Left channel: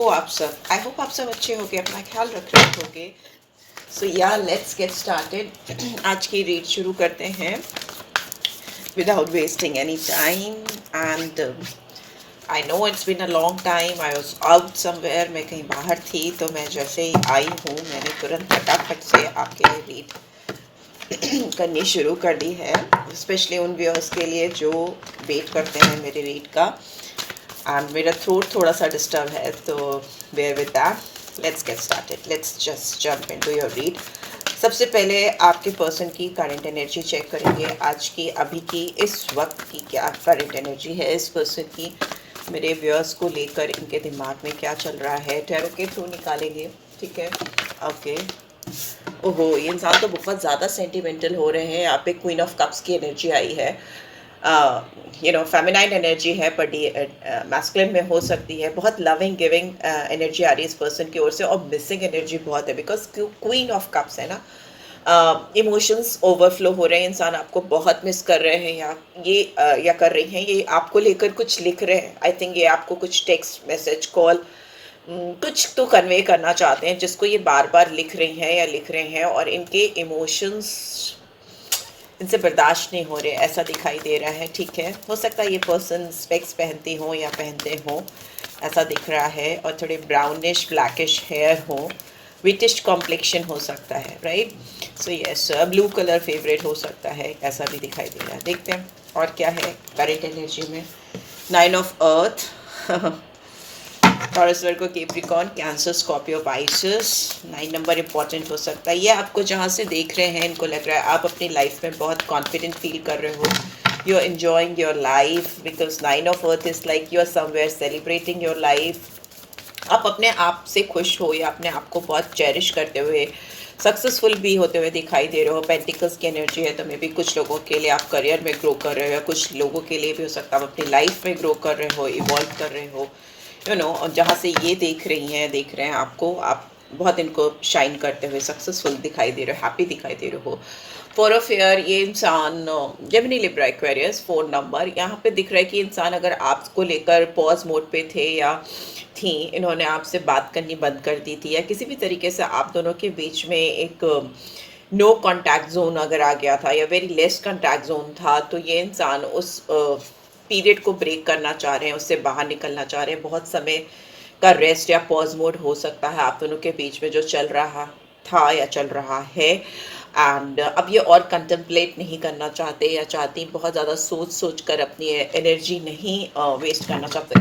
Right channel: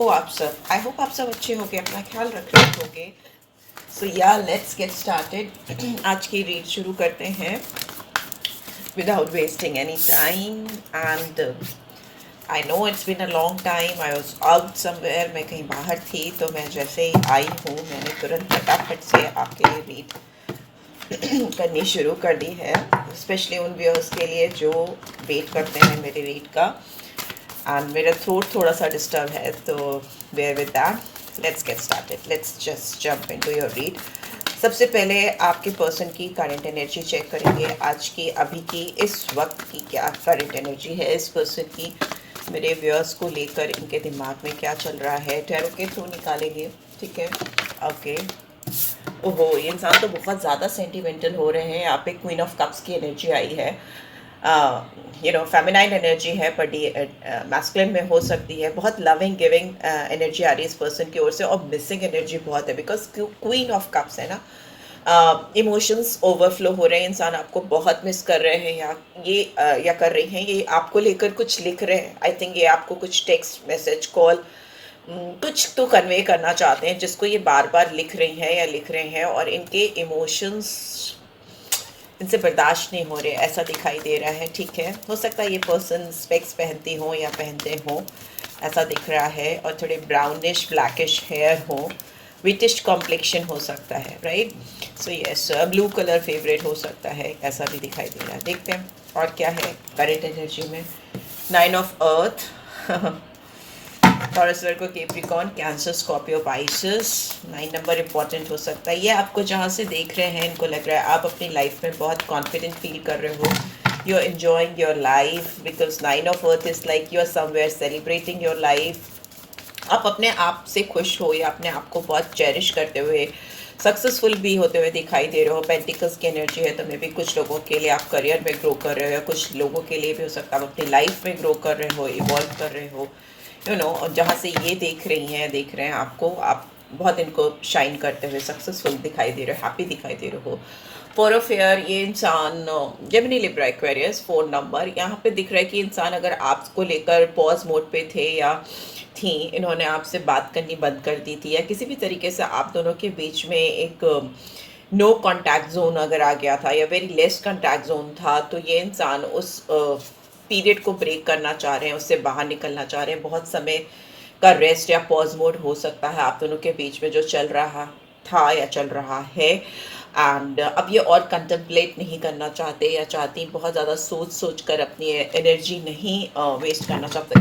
तो I hope आप सब अच्छे होंगे, अपना ख्याल रख रहे होंगे। सो या लेट्स गेट स्टार्टेड। आज की रीड शुरू करते हैं without wasting any time. And I know it's been a long time, I was out somewhere, मैं कहीं बाहर थी, तो मैं जैसे ही आई हूँ मैंने तुरंत फटाफट से आपके लिए रीड करनी शुरू कर दी है, स्पेशली उन व्यूअर्स के लिए जो वेट करते हैं मेरी रीड का। एंड मेरा थ्रोट थोड़ा सा डिस्टर्ब है, तो bear with that. Let's get started, let's just jump into your read. सबसे पहले आपके पर्सन की करंट एनर्जी चेक करेंगे, आज की, अभी की, इस वक्त की क्या करंट एनर्जी है इस पर्सन की, मेरे व्यूअर्स को लेकर इनके दिमाग में क्या चल रहा है। टैरो के थ्रू निकालेंगे, ठीक है? ओके। ओहो, ये इंसान तो बहुत ज़्यादा सेंटिमेंटल हो रहे हैं। यहाँ पे क्वीन ऑफ कप्स की एनर्जी आई है। फेमिनाइन एनर्जी है, पर मैस्कुलिन में हो सकती है। बहुत लविंग गिविंग एनर्जी आ रही है इस पर्सन की ओर से, और मिसिंग एनर्जी बहुत है, बिकॉज क्वीन ऑफ कप्स है ना। इमोशंस ओवरफ्लो हो रहे हैं, इंसान आपको बहुत मिस कर रहे हैं, या कर रही हैं, ये आपको लेकर कुछ लिख रहे हैं। आई थिंक ये आपको कुछ टेक्स्ट मैसेज कॉल कुछ तो कन्वे करना चाहते हैं, जिसको ये बार बार लिख रही हैं या लिख रहे हैं, और इनके इमोशंस इनसे बर्दाश्त नहीं हो रहे, ऐसा दिखाई दे रहा है। ठीक है, हो सकता है ये पर्सन स्पेक्स पहनती हो या पहनते हो, ऐसा दिख रहा है, और थोड़े ब्राउनिश ब्लैकिश हेयर हो, विटिश कॉम्प्लेक्शन हो सकता है, right? So yes, blue colour favourite हो सकता है, ऐसा भी दिखाई दे रहा है। देखते हैं और क्या है करंट एनर्जी में। 9 of earth, taurus, Virgo, Capricorn, cancer, Scorpio, Pisces. 9 number important हो सकता है। ये आपको जहाँ से देख रहे हैं, इनको लग रहा है आप अपनी लाइफ में बहुत कॉन्फिडेंट फील कर रहे हो, you are enjoying your life, because 9 of earth is like you are somewhere celebrating your life. आप अपने आप से खुश हो या अपने आप को बहुत चेरिश करते हुए सक्सेसफुल भी होते हुए दिखाई दे रहे हो। पेंटिकल्स की एनर्जी है, तो मे भी कुछ लोगों के लिए आप करियर में ग्रो कर रहे हो, या कुछ लोगों के लिए भी हो सकता है आप अपनी लाइफ में ग्रो कर रहे हो, इवॉल्व कर रहे हो, और जहाँ से ये देख रहे हैं आपको, आप बहुत इनको शाइन करते हुए सक्सेसफुल दिखाई दे रहे हो, हैप्पी दिखाई दे रहे हो। फोर ऑफ एयर, ये इंसान जेमिनी, लिब्रा, एक्वेरियस, 4 नंबर, यहाँ पे दिख रहा है कि इंसान अगर आपको लेकर पॉज मोड पे थे या थी, इन्होंने आपसे बात करनी बंद कर दी थी, या किसी भी तरीके से आप दोनों के बीच में एक नो कॉन्टैक्ट जोन अगर आ गया था, या वेरी लेस कॉन्टैक्ट जोन था, तो ये इंसान उस पीरियड को ब्रेक करना चाह रहे हैं, उससे बाहर निकलना चाह रहे हैं। बहुत समय का रेस्ट या पॉज मोड हो सकता है आप दोनों के बीच में जो चल रहा था या चल रहा है। एंड अब ये और कंटेम्पलेट नहीं करना चाहते या चाहती, बहुत ज़्यादा सोच सोच कर अपनी एनर्जी नहीं वेस्ट करना चाहते।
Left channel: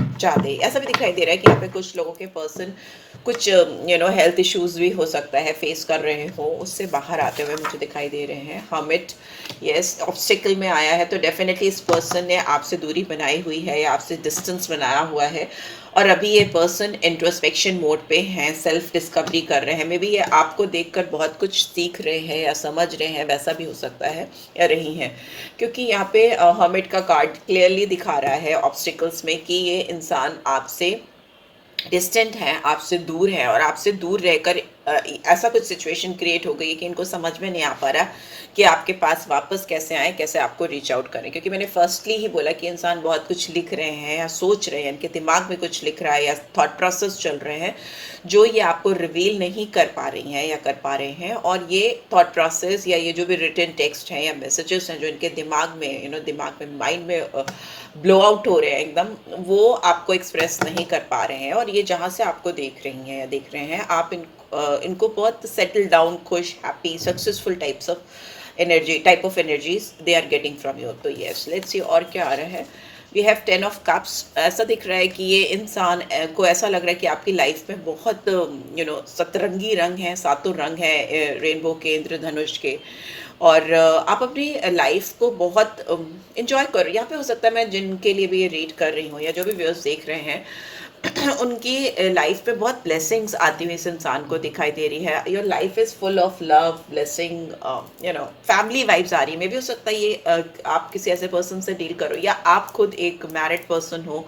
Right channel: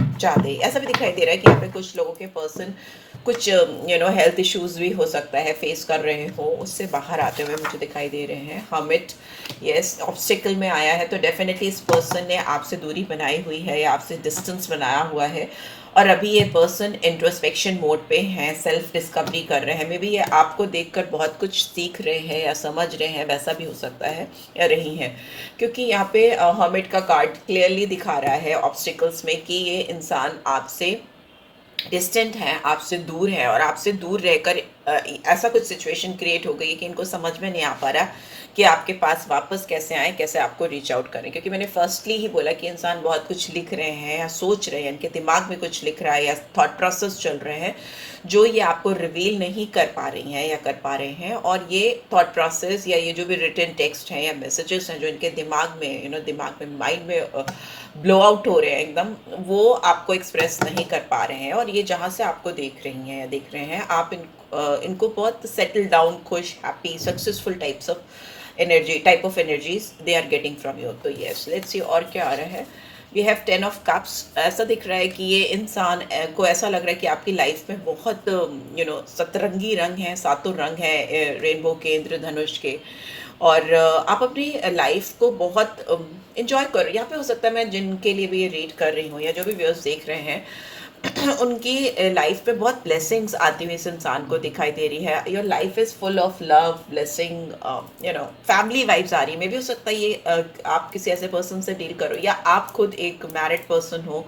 ऐसा भी दिखाई दे रहा है कि यहाँ पे कुछ लोगों के पर्सन कुछ हेल्थ इश्यूज भी हो सकता है फेस कर रहे हो, उससे बाहर आते हुए मुझे दिखाई दे रहे हैं। हर्मिट, यस, ऑब्स्टिकल में आया है, तो डेफिनेटली इस पर्सन ने आपसे दूरी बनाई हुई है या आपसे डिस्टेंस बनाया हुआ है, और अभी ये पर्सन इंट्रोस्पेक्शन मोड पे हैं, सेल्फ डिस्कवरी कर रहे हैं। मे बी ये आपको देखकर बहुत कुछ सीख रहे हैं या समझ रहे हैं, वैसा भी हो सकता है, या रही हैं, क्योंकि यहाँ पे हर्मिट का कार्ड क्लियरली दिखा रहा है ऑब्स्टिकल्स में कि ये इंसान आपसे डिस्टेंट हैं, आपसे दूर हैं, और आपसे दूर रहकर ऐसा कुछ सिचुएशन क्रिएट हो गई है कि इनको समझ में नहीं आ पा रहा कि आपके पास वापस कैसे आए, कैसे आपको रीच आउट करें। क्योंकि मैंने फर्स्टली ही बोला कि इंसान बहुत कुछ लिख रहे हैं या सोच रहे हैं, इनके दिमाग में कुछ लिख रहा है या थॉट प्रोसेस चल रहे हैं, जो ये आपको रिवील नहीं कर पा रही हैं या कर पा रहे हैं। और ये थॉट प्रोसेस या ये जो भी रिटन टेक्स्ट हैं या मैसेजेस हैं जो इनके दिमाग में दिमाग में, माइंड में ब्लो आउट हो रहे हैं एकदम, वो आपको एक्सप्रेस नहीं कर पा रहे हैं। और ये जहाँ से आपको देख रही हैं या देख रहे हैं, आप इनको बहुत सेटल डाउन, खुश, happy, successful type of energies they are getting from you. तो यस, लेट्स सी और क्या आ रहा है। We have 10 of cups. ऐसा दिख रहा है कि ये इंसान को ऐसा लग रहा है कि आपकी लाइफ में बहुत सतरंगी रंग हैं, सातों रंग हैं रेनबो के, इंद्रधनुष के, और आप अपनी लाइफ को बहुत इंजॉय करो। यहाँ पे हो सकता है मैं जिनके लिए भी ये रीड कर रही हूँ या जो भी व्यूअर्स देख रहे हैं उनकी लाइफ में बहुत ब्लेसिंग्स आती हुई इस इंसान को दिखाई दे रही है। Your life is full of love, blessing, family vibes आ रही है। मे भी हो सकता है ये आप किसी ऐसे पर्सन से डील करो, या आप खुद एक मैरिड पर्सन हो,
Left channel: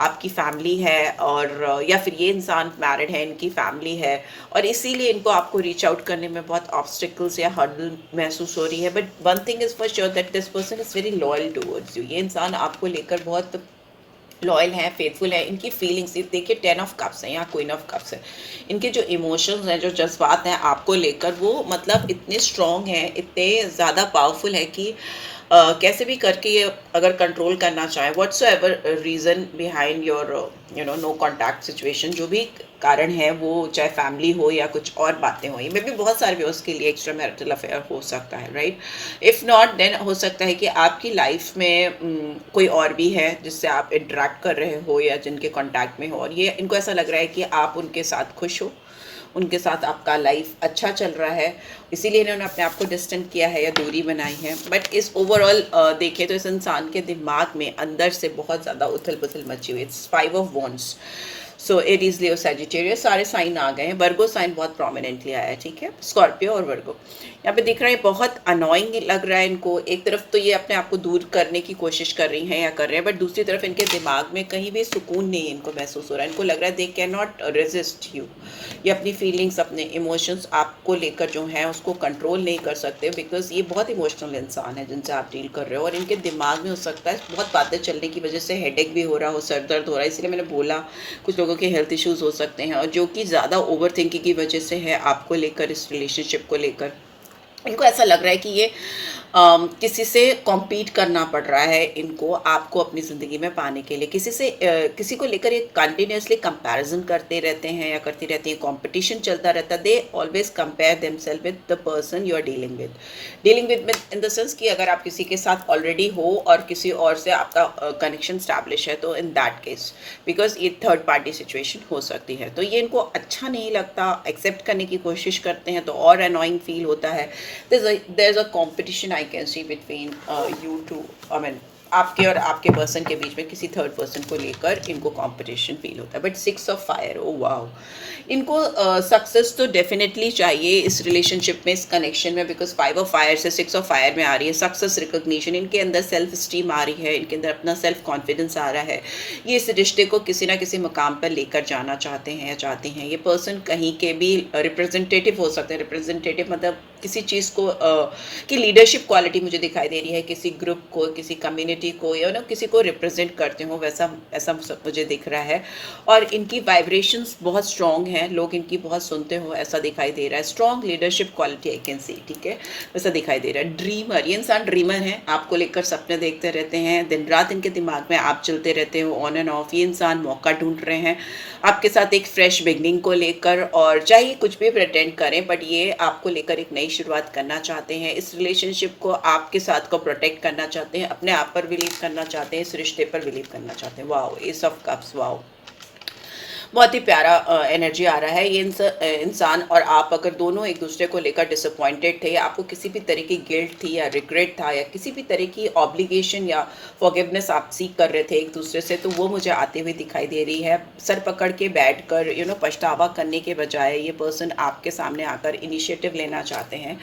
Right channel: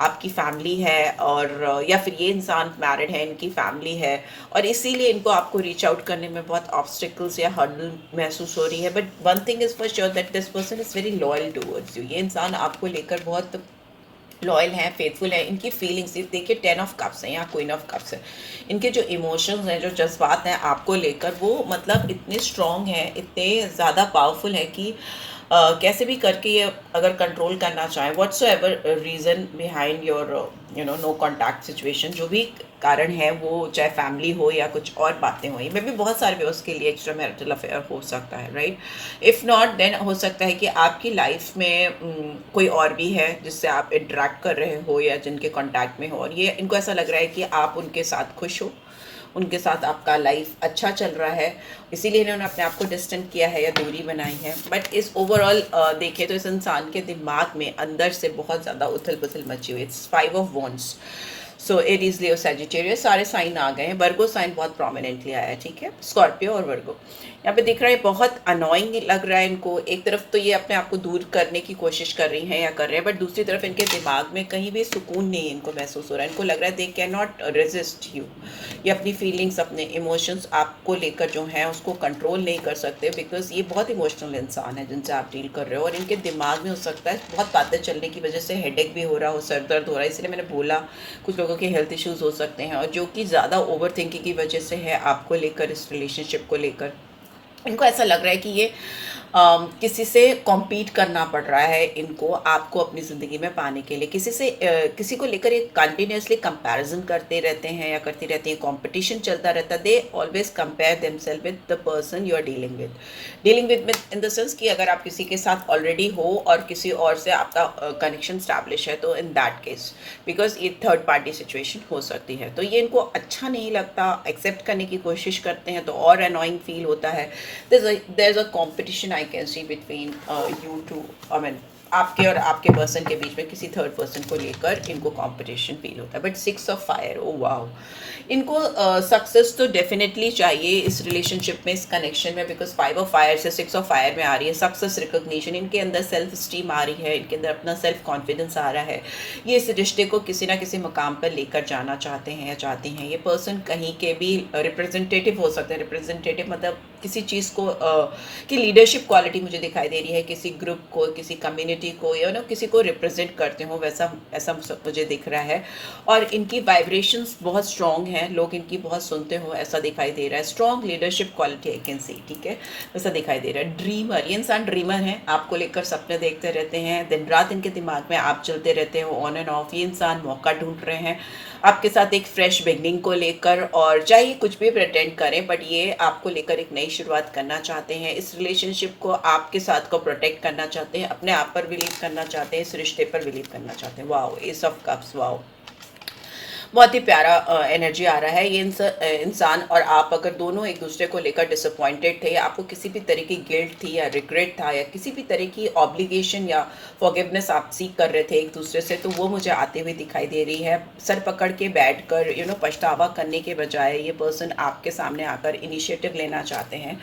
आपकी फैमिली है, और या फिर ये इंसान मैरिड है, इनकी फैमिली है, और इसीलिए इनको आपको रीच आउट करने में बहुत ऑब्स्टिकल्स या हर्डल महसूस हो रही है। But one thing is for sure that this person is very loyal towards you. ये इंसान आपको लेकर बहुत लॉयल हैं, फेथफुल हैं। इनकी फीलिंग्स देखिए 10 ऑफ कप्स हैं या क्वीन ऑफ कप्स है। इनके जो इमोशंस हैं, जो जज्बात हैं आपको लेकर, वो मतलब इतने स्ट्रॉन्ग हैं, इतने ज़्यादा पावरफुल है कि कैसे भी करके ये अगर कंट्रोल करना चाहें, whatsoever reason behind your no contact situation, जो भी कारण है, वो चाहे फैमिली हो या कुछ और बातें हो, ये मे भी बहुत सारे वे उसके लिए एक्स्ट्रा मैरिटल अफेयर हो सकता है, राइट। इफ़ नॉट देन हो सकता है कि आपकी लाइफ में कोई और भी है जिससे आप इंटरेक्ट कर रहे हो या जिनके कांटेक्ट में हो, और ये इनको ऐसा लग रहा है कि आप उनके साथ खुश हो, उनके साथ आपका लाइफ अच्छा चल रहा है, इसीलिए इन्होंने अपने आप को डिस्टेंट किया है या दूरी बनाई है। बट इस ओवरऑल देखें तो इस इंसान के दिमाग में अंदर से बहुत ज़्यादा उथल पुथल मची हुई। It's 5 of wands. So Aries, Leo, Sagittarius सारे साइन आ गए हैं। वर्गो साइन बहुत प्रोमिनेंटली आया है, ठीक है, स्कॉर्पियो और वर्गो। यहाँ पे दिख रहा है बहुत अनोइंग लग रहा है इनको। एक तरफ तो ये अपने आप को दूर करने की कोशिश कर रही हैं या कर रहे हैं, बट दूसरी तरफ इनके दिमाग में कहीं भी सुकून नहीं इनको महसूस हो रहा है। इनको लग रहा है they can not resist you. ये अपनी फीलिंग्स, अपने इमोशंस आपको लेकर जो हैं उसको कंट्रोल नहीं कर सकते, बिकॉज ये बहुत इमोशनल इंसान है जिनसे आप डील कर रहे हो। और इनके दिमाग में हो सकता है बहुत बातें चलने की वजह से हेडेक भी हो रहा हो, सर दर्द हो रहा है। इसलिए मैंने बोला कुछ लोगों के हेल्थ इश्यूज हो सकते हैं, और जो कि ज़्यादा ओवर थिंकिंग की वजह से है आपको लेकर, इस रिलेशनशिप को लेकर। इनको ऐसा लग रहा है कि ये किसी से कॉम्पीट करना पड़ रहा है इनको, आपको अपनी ज़िंदगी में पाने के लिए। किसी से किसी को लेकर एक कंटिन्यूसली कंपैरिजन करते रहते हैं या करती रहती हैं, कंपटीशन चलता रहता है। They always compare themselves with the person you are dealing with in the sense कि अगर आप किसी के साथ ऑलरेडी हो और किसी और से आपका कनेक्शन स्टैब्लिश है, तो इन दैट केस, बिकॉज ये थर्ड पार्टी सिचुएशन हो सकती है, तो ये इनको अच्छा नहीं लगता, एक्सेप्ट करने की कोशिश करते हैं तो और अनोइंग फील होता है। there's a competition I can see between you two, I mean आपके और आपके पर्सन के बीच में किसी थर्ड पर्सन को लेकर इनको कंपटीशन फील होता है। But 6 of fire, oh wow, इनको सक्सेस तो डेफिनेटली चाहिए इस रिलेशनशिप में, इस कनेक्शन में, बिकॉज 5 ऑफ फायर से 6 ऑफ फायर में आ रही है सक्सेस, रिकॉग्निशन। इनके अंदर सेल्फ स्टीम आ रही है, इनके अंदर अपना सेल्फ कॉन्फिडेंस आ रहा है। ये इस रिश्ते को किसी ना किसी मुकाम पर लेकर जाना चाहते हैं या चाहती हैं। ये पर्सन कहीं के भी रिप्रेजेंटेटिव हो सकते हैं। रिप्रेजेंटेटिव मतलब किसी चीज़ को की लीडरशिप क्वालिटी मुझे दिखाई दे रही है, किसी ग्रुप को, किसी कम्युनिटी को, या ना किसी को रिप्रेजेंट करते हो, वैसा ऐसा मुझे दिख रहा है। और इनकी वाइब्रेशंस बहुत स्ट्रॉन्ग हैं, लोग इनकी बहुत सुनते हो ऐसा दिखाई दे रहा है। Strong leadership quality I can see, ठीक है, वैसा दिखाई दे रहा है। ड्रीमर, ये इंसान ड्रीमर है, आपको लेकर सपने देखते रहते हैं, दिन रात इनके दिमाग में आप चलते रहते हो, ऑन एंड ऑफ। ये इंसान मौका ढूंढ रहे हैं आपके साथ एक फ्रेश बिगनिंग को लेकर, और चाहे कुछ भी प्रेटेंड करें, बट ये आपको लेकर एक नई शुरुआत करना चाहते हैं। इस रिलेशनशिप को, आपके साथ को प्रोटेक्ट करना चाहते हैं, अपने आप पर बिलीव करना चाहते हैं, इस रिश्ते पर बिलीव करना चाहते हैं। Wow, S of cups, wow, बहुत ही प्यारा एनर्जी आ रहा है। ये इंसान और आप अगर दोनों एक दूसरे को लेकर डिसअपॉइंटेड थे, या आपको किसी भी तरह की गिल्ट थी या रिग्रेट था, या किसी भी तरह की ऑब्लिगेशन या फॉरगिवनेस आप सीख कर रहे थे एक दूसरे से, तो वो मुझे आते हुए दिखाई दे रही है। सर पकड़ के बैठ कर पछतावा करने के बजाय ये पर्सन आपके सामने आकर इनिशिएटिव लेना चाहते हैं।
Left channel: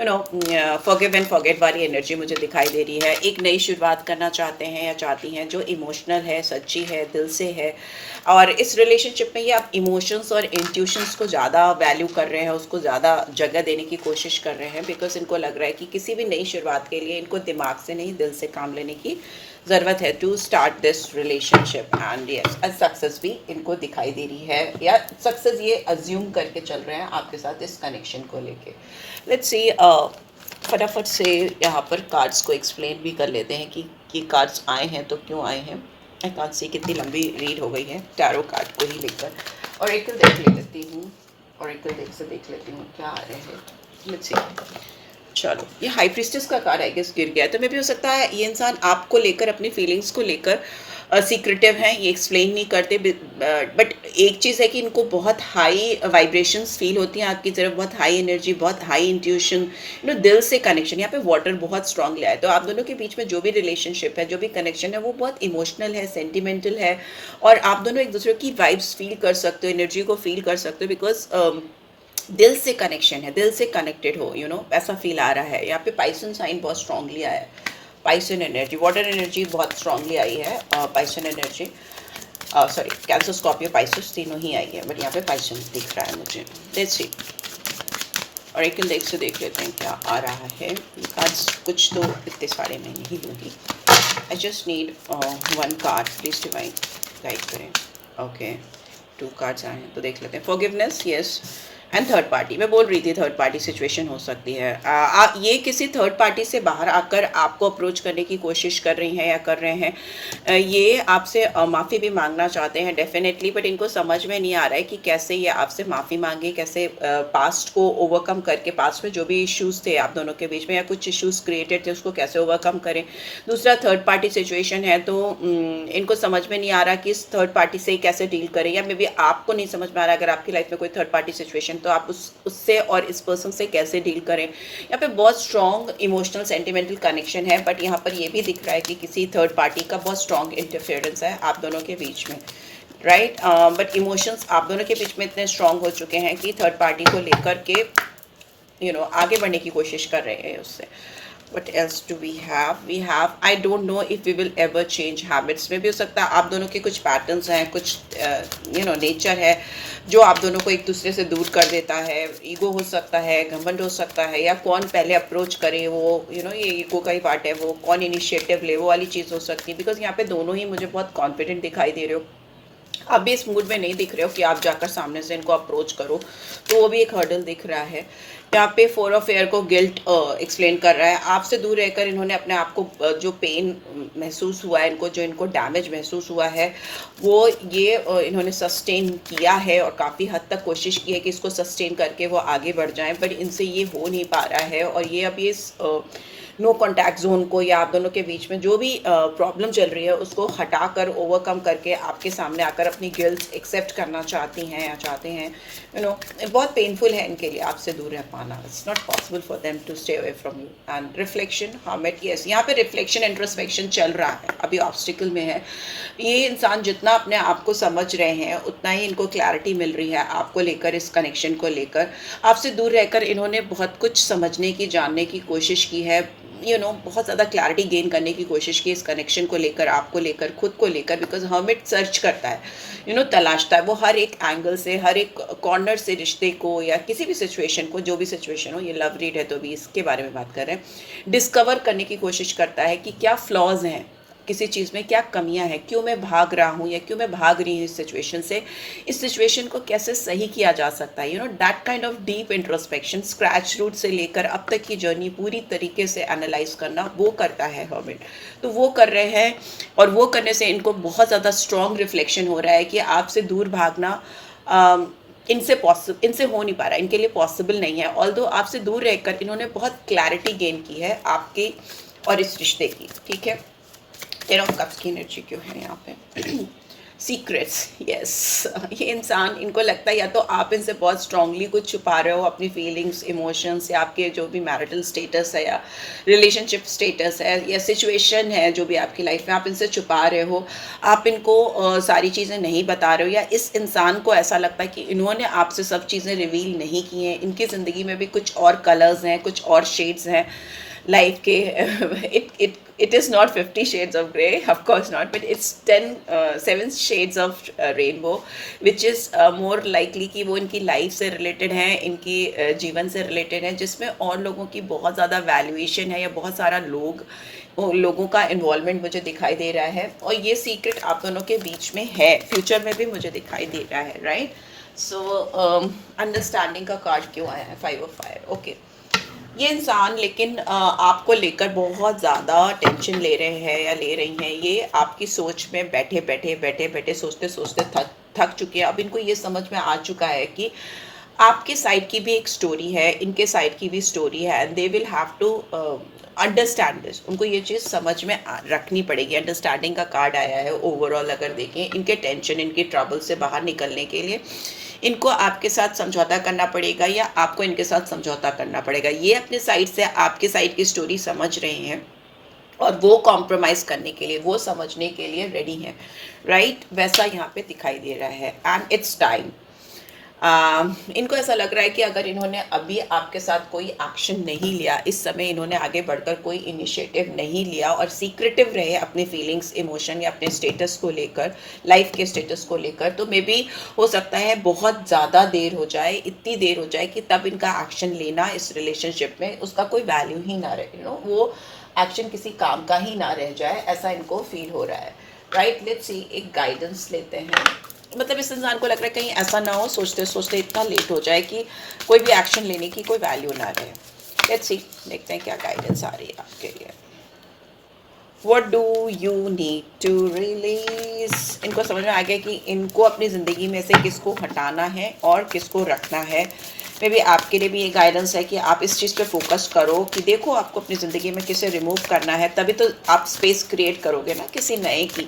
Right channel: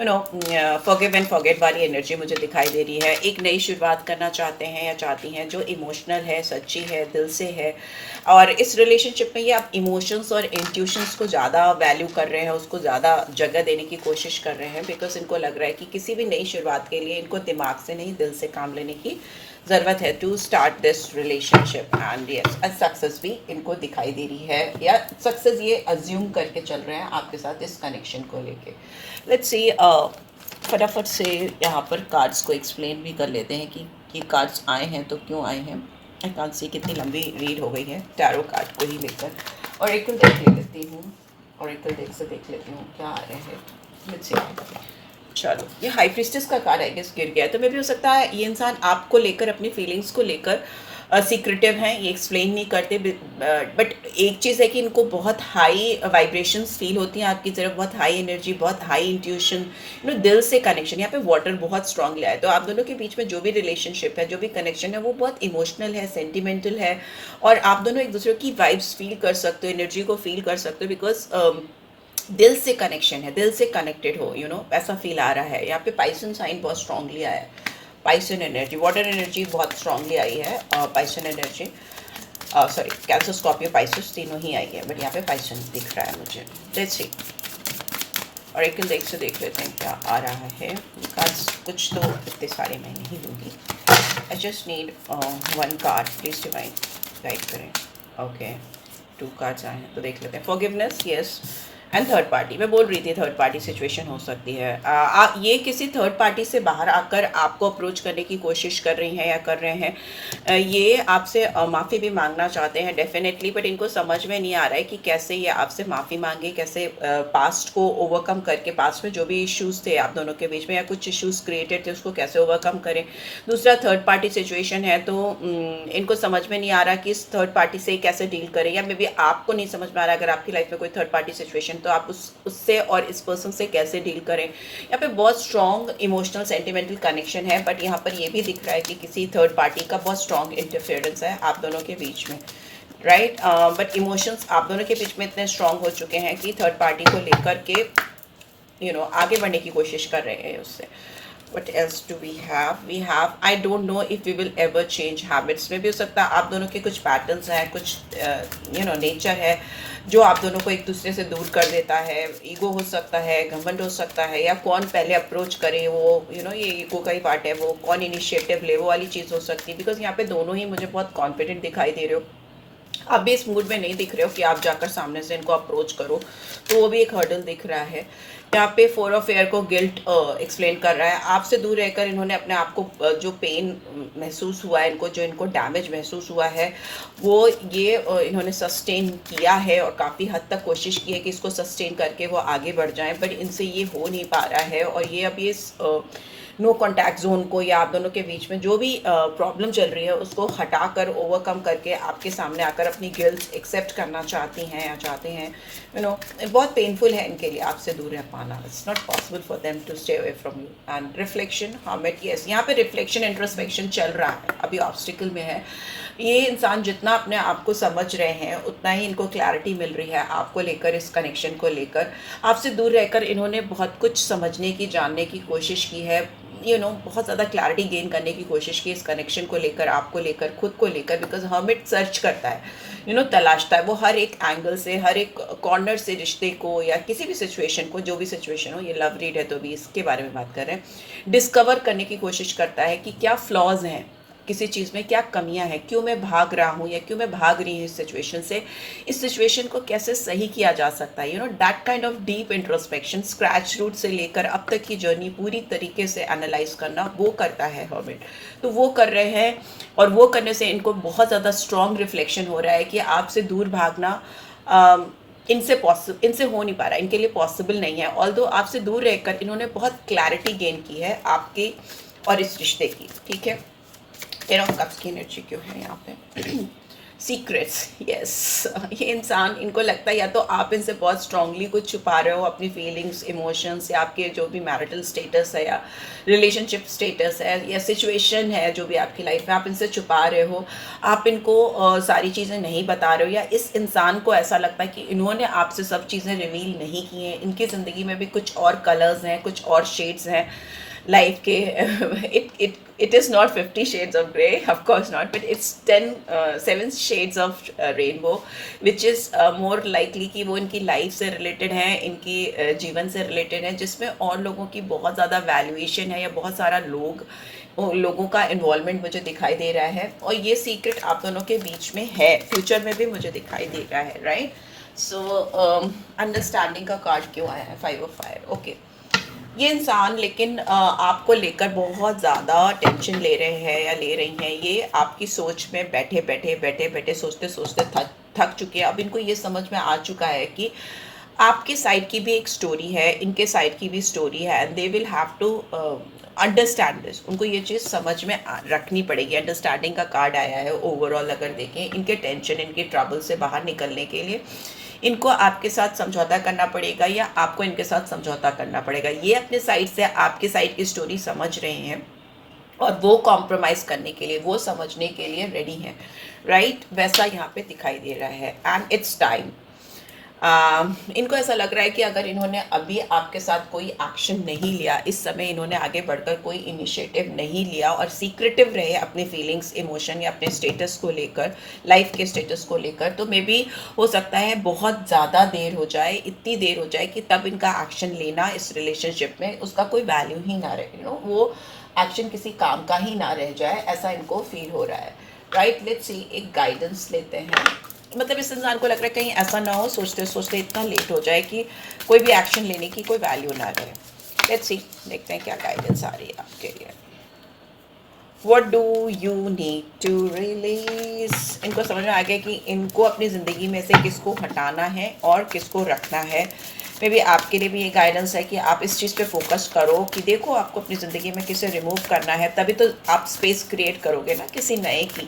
फॉरगिव एंड फॉरगेट वाली एनर्जी मुझे दिखाई दे रही है। एक नई शुरुआत करना चाहते हैं या चाहती हैं, जो इमोशनल है, सच्ची है, दिल से है। और इस रिलेशनशिप में ये आप इमोशंस और इंट्यूशंस को ज़्यादा वैल्यू कर रहे हैं, उसको ज़्यादा जगह देने की कोशिश कर रहे हैं, बिकॉज इनको लग रहा है कि किसी भी नई शुरुआत के लिए इनको दिमाग से नहीं, दिल से काम लेने की ज़रूरत है to start this relationship. And yes, success भी इनको दिखाई दे रही है, या सक्सेस ये अज्यूम करके चल रहे हैं आपके साथ इस कनेक्शन को लेके। लेट्स सी, फटाफट से यहाँ पर कार्ड्स को एक्सप्लेन भी कर लेते हैं कि ये कार्ड्स आए हैं तो क्यों आए हैं। आई कांट सी, कितनी लंबी रीड हो गई है टैरो कार्ड को ही लेकर। और एक देख लेती हूँ, और एक देख से देख लेती हूँ क्या आ रहे हैं। लेट्स सी, चलो, ये हाई प्रीस्टेस का कार्ड है, गिर गया, तो मे भी हो सकता है ये इंसान आपको लेकर, अपनी फीलिंग्स को लेकर सीक्रेटिव हैं, ये एक्सप्लेन नहीं करते। बट एक चीज़ है कि इनको बहुत हाई वाइब्रेशंस फील होती हैं आपकी तरफ, बहुत हाई एनर्जी, बहुत हाई इंट्यूशन, दिल से कनेक्शन। यहाँ पे वाटर बहुत स्ट्रांगली आया, तो आप दोनों के बीच में जो भी रिलेशनशिप है, जो भी कनेक्शन है, वो बहुत इमोशनल है, सेंटिमेंटल है, और आप दोनों एक दूसरे की वाइब्स फील कर सकते हो, एनर्जी को फील कर सकते हो, बिकॉज दिल से कनेक्शन है, दिल से कनेक्टेड हो, ऐसा फील आ रहा है। यहाँ पे पाइसन साइन बहुत स्ट्रांगली आया है, पाइसन एनर्जी, वाटर एनर्जी बहुत स्ट्रांगली आई है, पाइसन एनर्जी, सॉरी, कैंसर, स्कॉर्पियो, पाइसस तीनों ही आई है, बट यहाँ पे पाइसन दिख रहा है मुझे। लेट्स सी, और एक देख से देख लेते हैं क्या आ रहा है। कार्ड्स कुछ तो इतने सारे मैं नहीं लूँगी, I just need one card, please divine guide करें। ओके, 2 कार्ड्स आए हैं तो देख लेते हैं। Forgiveness, yes, and third party. मैं बोल रही थी थर्ड पार्टी सिचुएशन हो सकती है। ये किसी थर्ड पार्टी से बाहर आकर आपको अप्रोच करने की कोशिश कर रही हैं या कर रहे हैं। ये आपसे माफ़ी भी मांगना चाहते हैं डेफिनेटली, बट इनको समझ में नहीं आ रहा है कि कैसे ये आपसे माफ़ी मांगे, कैसे पास्ट को ओवरकम करके, पास्ट में जो भी इश्यूज थे आप दोनों के बीच में या कुछ इश्यूज क्रिएटेड थे उसको कैसे ओवरकम करें। दूसरा थर्ड पार्टी सिचुएशन है, तो इनको समझ में नहीं आ रहा कि इस थर्ड पार्टी से कैसे डील करें, या मे बी आपको नहीं समझ में आ रहा अगर आपकी लाइफ में कोई थर्ड पार्टी सिचुएशन, तो आप उससे और इस पर्सन से कैसे डील करें। यहाँ पे बहुत स्ट्रॉन्ग इमोशनल सेंटिमेंटल कनेक्शन है, बट यहाँ पर ये भी दिख रहा है कि किसी थर्ड पार्टी का बहुत स्ट्रॉन्ग इंटरफेरेंस है आप दोनों के बीच में, राइट। बट इमोशंस आप दोनों के बीच में इतने स्ट्रॉन्ग हो चुके हैं कि थर्ड पार्टी को लेकर के आगे बढ़ने की कोशिश कर रहे हैं उससे। What else do we have? We have, I don't know if we will ever change habits. में भी हो सकता है आप दोनों के कुछ पैटर्न्स हैं, कुछ नेचर है जो आप दोनों को एक दूसरे से दूर कर देता है। ईगो हो सकता है, घमंड हो सकता है, या कौन पहले अप्रोच करे वो ये ईगो का ही पार्ट है, वो कौन इनिशिएटिव ले, वो वाली चीज़ हो सकती है। बिकॉज यहाँ पे दोनों ही मुझे बहुत कॉन्फिडेंट दिखाई दे रहे हो। आप भी इस मूड में नहीं दिख रहे हो कि आप जाकर सामने से इनको अप्रोच करो, तो वो भी एक हर्डल दिख रहा है। यहाँ पे 4 ऑफ एयर को गिल्ट एक्सप्लेन कर रहा है। आपसे दूर रहकर इन्होंने अपने आप को जो पेन महसूस हुआ है, जो इनको डैमेज महसूस हुआ है, वो ये इन्होंने सस्टेन किया है और काफ़ी हद तक कोशिश की है कि इसको सस्टेन करके वो आगे बढ़ जाएं, पर इनसे ये हो नहीं पा रहा है। और ये अभी इस नो कॉन्टैक्ट जोन को, या आप दोनों के बीच में जो भी प्रॉब्लम चल रही है उसको हटाकर, ओवरकम करके आपके सामने आकर अपनी गिल्ट एक्सेप्ट करना चाहती हैं या चाहते हैं। बहुत पेनफुल है इनके लिए आपसे दूर रह पाना। It's not possible for them to stay away from you. And reflection, hermit, yes, यहाँ पे रिफ्लेक्शन इंट्रोस्पेक्शन चल रहा है, अभी ऑब्स्टिकल में है। ये इंसान जितना अपने आप को समझ रहे हैं उतना ही इनको क्लैरिटी मिल रही है आपको लेकर, इस कनेक्शन को लेकर। आपसे दूर रहकर इन्होंने बहुत कुछ समझने की, जानने की कोशिश की है, बहुत ज़्यादा क्लैरिटी गेन करने की कोशिश की इस कनेक्शन को लेकर, आपको लेकर, खुद को लेकर। बिकॉज हर्मिट सर्च करता है, तलाशता है वो हर एक एंगल से, हर एक कॉर्नर से रिश्ते को या किसी भी सिचुएशन को, जो भी सिचुएशन हो। ये लव रीड है तो भी इसके बारे में बात कर रहे हैं। डिस्कवर करने की कोशिश करता है कि क्या फ्लॉज हैं किसी चीज़ में, क्या कमियां हैं, क्यों मैं भाग रहा हूँ या क्यों मैं भाग रही हूँ इस सिचुएशन से, इस सिचुएशन को कैसे सही किया जा सकता है। That kind of deep introspection, scratch root से लेकर अब तक की जर्नी पूरी तरीके से एनालाइज करना, वो करता है हर्मिट। तो वो कर रहे हैं, और वो करने से इनको बहुत ज़्यादा स्ट्रॉन्ग रिफ्लेक्शन हो रहा है कि आपसे दूर भागना इनसे हो नहीं पा रहा, इनके लिए पॉसिबल नहीं है। ऑल्दो आपसे दूर रहकर इन्होंने बहुत क्लैरिटी गेन की है आपकी और इस रिश्ते की, ठीक है। 10 ऑफ कप्स की एनर्जी क्यों है यहाँ पे? Secrets, yes. ये इंसान, इनको लगता है या तो आप इनसे बहुत स्ट्रांगली कुछ छुपा रहे हो, अपनी फीलिंग्स, इमोशंस, या आपके जो भी मैरिटल स्टेटस है या रिलेशनशिप स्टेटस है या सिचुएशन है जो भी आपकी लाइफ में, आप इनसे छुपा रहे हो, आप इनको सारी चीज़ें नहीं बता रहे हो, या इस इंसान को ऐसा लगता है कि इन्होंने आपसे सब चीज़ें रिवील नहीं की हैं, इनकी ज़िंदगी में भी कुछ और कलर्स हैं, कुछ और शेड्स हैं लाइफ के। it is not 50 shades of grey, of course not, but it's 7 shades of rainbow, which is more likely कि वो इनकी लाइफ से रिलेटेड हैं, इनकी जीवन से रिलेटेड हैं, जिसमें और लोगों की बहुत ज़्यादा वैल्यूएशन है, या बहुत सारा लोगों का इन्वॉल्वमेंट मुझे दिखाई दे रहा है। और ये सीक्रेट आप दोनों के बीच में है, फ्यूचर में भी मुझे दिखाई दे रहा है, राइट। सो अंडरस्टैंडिंग का कार्ड क्यों आया है? 5 of fire, ओके। ये इंसान लेकिन आपको लेकर बहुत ज़्यादा टेंशन ले रहे हैं या ले रही हैं। ये आपकी सोच में बैठे बैठे सोचते सोचते थक चुके हैं। अब इनको ये समझ में आ चुका है कि आपके साइड की भी एक स्टोरी है, इनके साइड की भी स्टोरी है, and they will have to understand this. उनको ये चीज़ समझ में रखनी पड़ेगी। अंडरस्टैंडिंग का कार्ड आया है ओवरऑल, अगर देखें इनके टेंशन, इनके ट्रबल से बाहर निकलने के लिए इनको आपके साथ समझौता करना पड़ेगा, या आपको इनके साथ समझौता करना पड़ेगा। ये अपने साइड से आपके साइड की स्टोरी समझ रहे हैं और वो कॉम्प्रोमाइज़ करने के लिए, वो समझने के लिए रेडी हैं, राइट। वैसा यहाँ पे दिखाई दे रहा है, एंड इट्स टाइम। इनको ऐसा लग रहा है कि अगर इन्होंने अभी आपके साथ कोई एक्शन नहीं लिया, इस समय इन्होंने आगे बढ़कर कोई इनिशिएटिव नहीं लिया और सीक्रेटिव रहे अपने फीलिंग्स, इमोशन या अपने स्टेटस को लेकर, लाइफ के स्टेटस को लेकर, तो मे बी हो सकता है बहुत ज़्यादा देर हो जाए, इतनी देर हो जाए कि तब इनका एक्शन लेना इस रिलेशनशिप में उसका कोई वैल्यू ही ना रहे। वो एक्शन किसी काम का ही ना रह जाए, ऐसा इनको फील हो रहा है, राइट। लेट्स सी, एक गाइडेंस लेते हैं। मतलब इस इंसान को लग रहा है कहीं ऐसा ना हो, सोचते सोचते इतना लेट हो जाए कि कोई भी एक्शन लेने की कोई वैल्यू ना रहे। लेट्स सी, देखते हैं क्या गाइडेंस आ रही है आपके लिए। What do you need to release? इनको समझ में आ गया कि इनको अपनी ज़िंदगी में से किसको हटाना है और किसको रखना है। मे बी आपके लिए भी ये गाइडेंस है कि आप इस चीज़ पे फोकस करो कि देखो आपको अपनी ज़िंदगी में किसे रिमूव करना है, तभी तो आप स्पेस क्रिएट करोगे ना किसी नए की,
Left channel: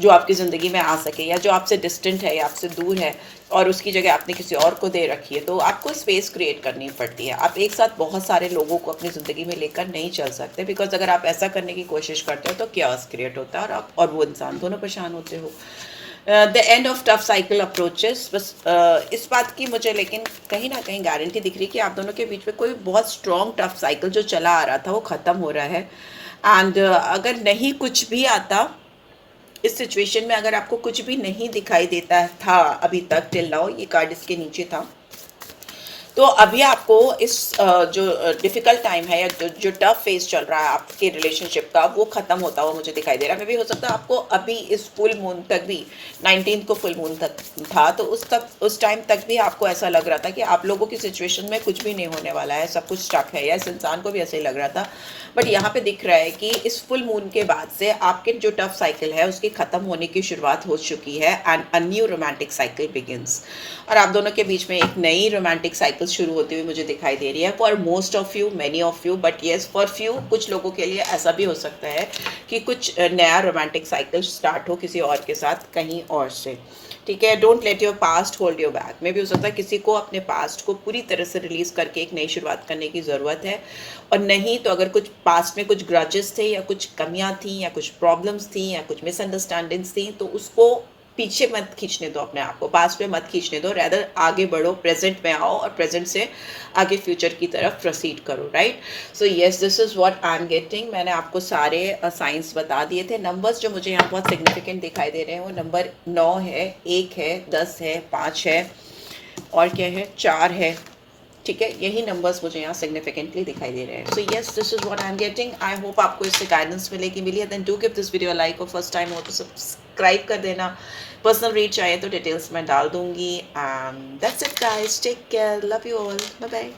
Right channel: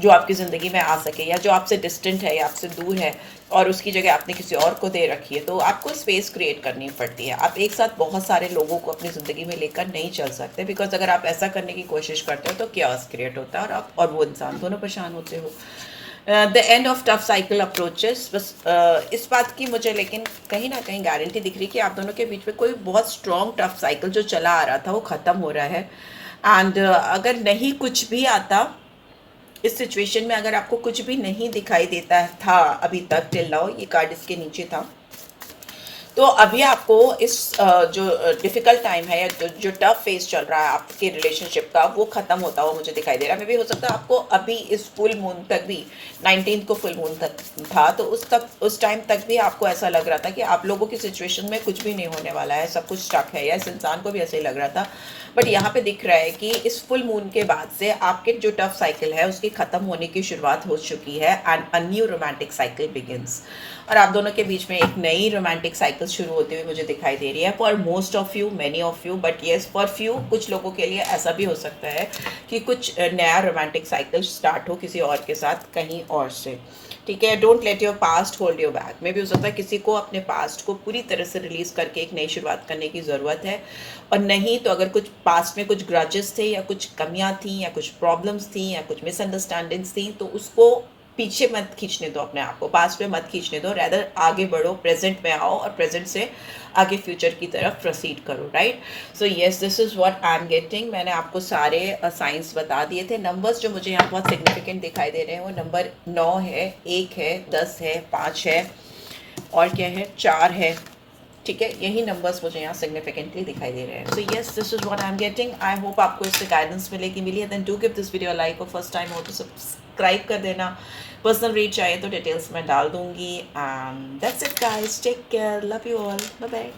जो आपकी ज़िंदगी में आ सके, या जो आपसे डिस्टेंट है या आपसे दूर है और उसकी जगह आपने किसी और को दे रखी है। तो आपको स्पेस क्रिएट करनी पड़ती है। आप एक साथ बहुत सारे लोगों को अपनी ज़िंदगी में लेकर नहीं चल सकते, बिकॉज अगर आप ऐसा करने की कोशिश करते हो तो क्यास क्रिएट होता है और आप और वो इंसान दोनों परेशान होते हो। The end of tough cycle approaches, बस इस बात की मुझे लेकिन कहीं ना कहीं गारंटी दिख रही है कि आप दोनों के बीच में कोई बहुत स्ट्रॉन्ग टफ साइकिल जो चला आ रहा था वो ख़त्म हो रहा है। एंड अगर नहीं कुछ भी आता इस सिचुएशन में, अगर आपको कुछ भी नहीं दिखाई देता था अभी तक टिल नाउ, ये कार्ड इसके नीचे था, तो अभी आपको इस जो डिफ़िकल्ट टाइम है या जो टफ फेज चल रहा है आपके रिलेशनशिप का, वो ख़त्म होता हुआ मुझे दिखाई दे रहा है। मे भी हो सकता है आपको अभी इस फुल मून तक भी, 19 को फुल मून तक था, तो उस टाइम तक भी आपको ऐसा लग रहा था कि आप लोगों की सिचुएशन में कुछ भी नहीं होने वाला है, सब कुछ स्टक है, या इस इंसान को भी ऐसे ही लग रहा था। बट यहाँ पे दिख रहा है कि इस फुल मून के बाद से आपके जो टफ साइकिल है उसकी ख़त्म होने की शुरुआत हो चुकी है, and a new romantic cycle begins. और आप दोनों के बीच में एक नई रोमांटिक साइकिल शुरू होती हुई मुझे दिखाई दे रही है, for most of you, many of you, but yes for few, कुछ लोगों के लिए ऐसा भी हो सकता है कि कुछ नया रोमांटिक साइकिल स्टार्ट हो किसी और के साथ कहीं और से। ठीक है, don't let your past hold your back. में भी हो सकता है किसी को अपने पास्ट को पूरी तरह से रिलीज करके एक नई शुरुआत करने की ज़रूरत है, और नहीं तो अगर कुछ पास्ट में कुछ ग्रजेस थे या कुछ कमियां थी या कुछ प्रॉब्लम्स थी या कुछ मिसअंडरस्टैंडिंग्स थी, तो उसको पीछे मत खींचने दो, अपने आप को पास्ट में मत खींचने दो, रैदर आगे बढ़ो, प्रेजेंट में आओ और प्रेजेंट से आगे फ्यूचर की तरफ प्रोसीड करो, right. So yes, this is what I am getting. मैंने आपको सारे साइंस बता दिए थे। नंबर्स जो मुझे यहाँ बहुत सिग्निफिकेंट दिखाई दे रहे हैं वो नंबर 9 है, 1 है, 10 है, 5 है, और क्या है, 4 है। ठीक है, यही नंबर्स मुझे यहाँ सिग्निफिकेंटली दिखाई दे रहे हैं। So yes, this is what I am getting. I hope आपको इससे गाइडेंस मिली है। Then do give this video like, और फर्स्ट टाइम हो तो सब्सक्राइब कर देना। पर्सनल रीच चाहिए तो डिटेल्स मैं डाल दूंगी। That's it guys, take care, love you all, bye bye.